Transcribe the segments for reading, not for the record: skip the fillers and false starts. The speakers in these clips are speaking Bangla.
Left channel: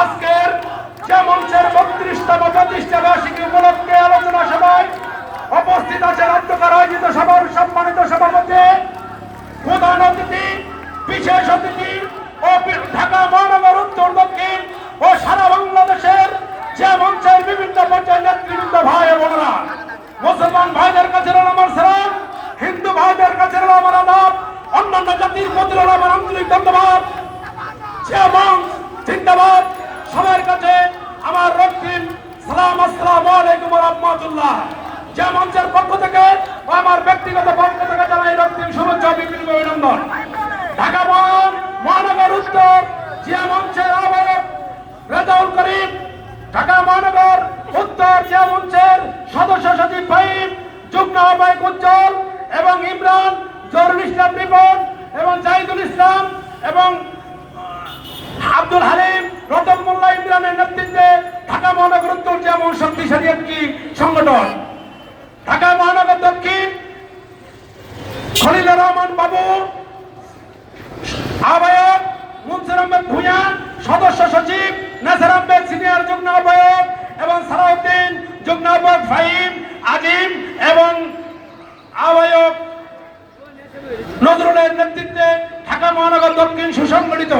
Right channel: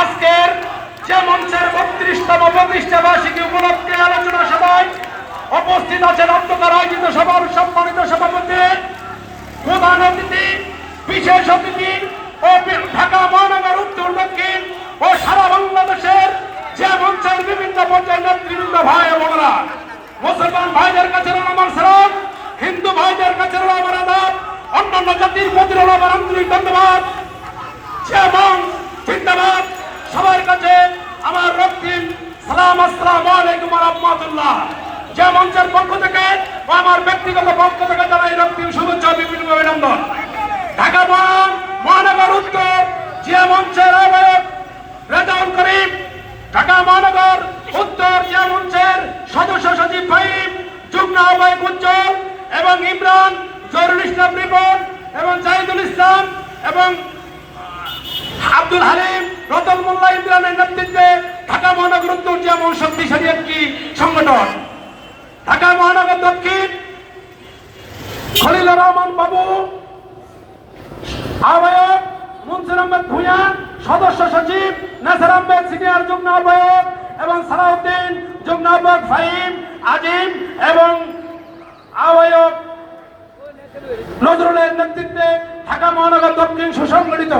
আজকের যে মঞ্চের ৩২তম প্রতিষ্ঠা বার্ষিকী উপলক্ষে আলোচনা সভায় উপস্থিত আছেন অধ্যক্ষের আয়োজিত সভার সম্মানিত সভাপতি, প্রধান অতিথি, বিশেষ অতিথি ও ঢাকা মহানগর উত্তর দক্ষিণ ও সারা বাংলাদেশের যে মঞ্চের বিভিন্ন পর্যায়ের নেতৃবৃন্দ ভাই ও বোনেরা, মুসলমান ভাইদের কাছে আমার সালাম, হিন্দু ভাইদের কাছে আমার আদাব, অন্যান্য জাতির প্রতি আমার আন্তরিক ধন্যবাদ। যে মঞ্চ জিন্দাবাদ, সবার কাছে আমার রক্তিম সালাম, আসসালামু আলাইকুম ওয়া রাহমাতুল্লাহ। যে মঞ্চের পক্ষ থেকে ও আমার ব্যক্তিগত পক্ষ থেকে জানাই রক্তিম শুভেচ্ছা বিভিন্ন অভিনন্দন। ঢাকা মহানগর উত্তর যে মঞ্চের আহ্বায়ক রেজাউল করিম, ঢাকা মহানগর উত্তর যে মঞ্চের সদস্য সচিব ফাহিম, যুগ্ম আহ্বায়ক উজ্জ্বল এবং ইমরান, জহুরুল ইসলাম রিপন এবং জাহিদুল ইসলাম এবং আব্দুল হালিম, রতন মোল্লা ইমরানের নেতৃত্বে ঢাকা মহানগর উত্তর যেমন শক্তিশালী একটি সংগঠন। ঢাকা মহানগর দক্ষিণ খলিলুর রহমান বাবু, আহ্বায়ক মুনসির আহমেদ ভূঁইয়া, সদস্য সচিব নাসির আহমেদ সিনিয়র যুগ্ম আহ্বায়ক এবং সালাউদ্দিন, যুগ্ম আহ্বায়ক ফাহিম, আজিম এবং আহ্বায়ক নজরুলের নেতৃত্বে ঢাকা মহানগর দক্ষিণ সুসংগঠিত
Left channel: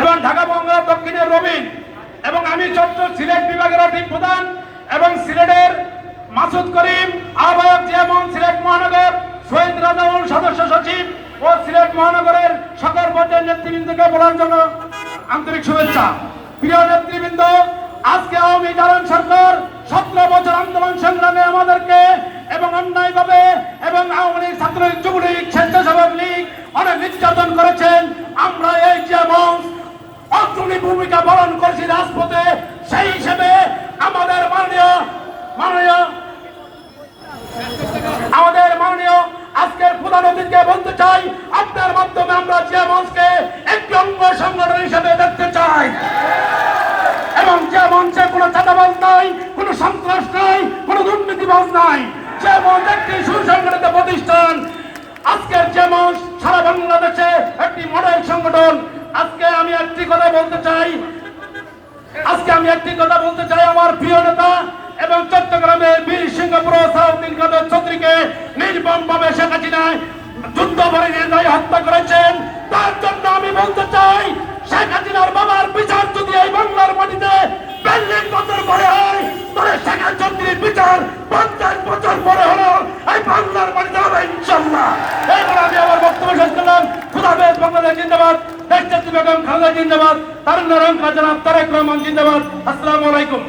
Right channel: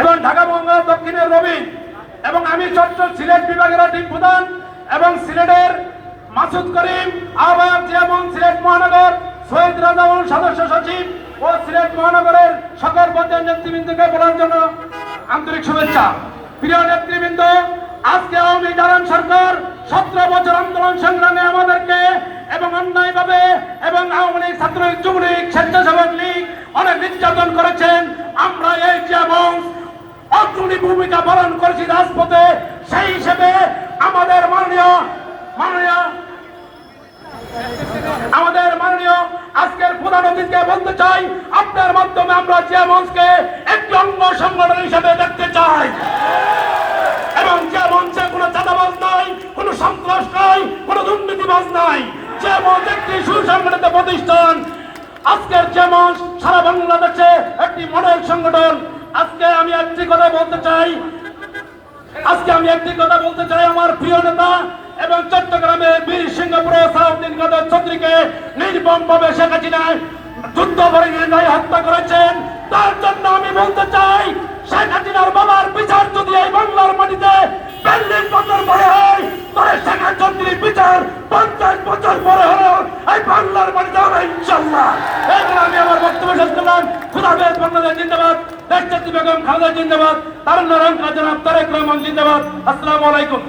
এবং ঢাকা মহানগর দক্ষিণের রবিন এবং আমি চট্টগ্রাম সিলেট বিভাগের টিম প্রধান এবং সিলেটের মাসুদ করিম, আহ্বায়ক যেমন সিলেট মহানগর সৈয়দ রাজাউল, সদস্য সচিব ও সিলেট মহানগরের সকল পর্যায়ের নেতৃবৃন্দকে বলার জন্য আন্তরিক শুভেচ্ছা। প্রিয় নেতৃবৃন্দ, আজকে আওয়ামী দালান সরকার 17 বছর আন্দোলন সংগ্রামে আমাদেরকে এবং অন্যায়ভাবে এবং আওয়ামী লীগ, ছাত্রলীগ, যুবলীগ, স্বেচ্ছাসেবক লীগ অনেক নির্যাতন করেছেন। আমরা এই যে মঞ্চ অগ্রণী ভূমিকা পালন করেছি রাজপথে, সেই হিসেবে আমাদের মাননীয় আজকের প্রধান অতিথিকে বলতে চাই, আপনার মাধ্যমে আমরা যে মঞ্চকে একটি অঙ্গ সংগঠন হিসেবে দেখতে চাই এবং যে মঞ্চে কোনো চাঁদাবাজ নাই, কোনো সন্ত্রাস নাই, কোনো দুর্নীতিবাজ নাই, যে মঞ্চ একটি সুসংগঠিত প্রতিষ্ঠান। আজকের যে মঞ্চ সারা বাংলাদেশে একটি মডেল সংগঠন। আজকে আমি একটি কথা বলতে চাই, আমার প্রিয় নেতা এবং চট্টগ্রামের বীর সিংহপুর সালাউদ্দিন কাদের চৌধুরীকে নির্মমভাবে শেখ হাসিনা যুদ্ধ ভরে হত্যা করেছেন। তার জন্য আমি বলতে চাই, শেখ হাসিনার বাবার বিচার যদি এই বাংলার মাটিতে 40 বছর পরে হয়, তবে শেখ চৌধুরীর বিচার 50 বছর পরে হলো এই বাংলার মাটিতে হবে ইনশাআল্লাহ। এরপর আমি আমার বক্তব্য শেষ করলাম। খুদাহাফেজ। বাংলাদেশ জিন্দাবাদ, দেশনেত্রী বেগম খালেদা জিন্দাবাদ, তারুণ্য রংকা জনাব তারেক রহমান জিন্দাবাদ। আসসালামু আলাইকুম।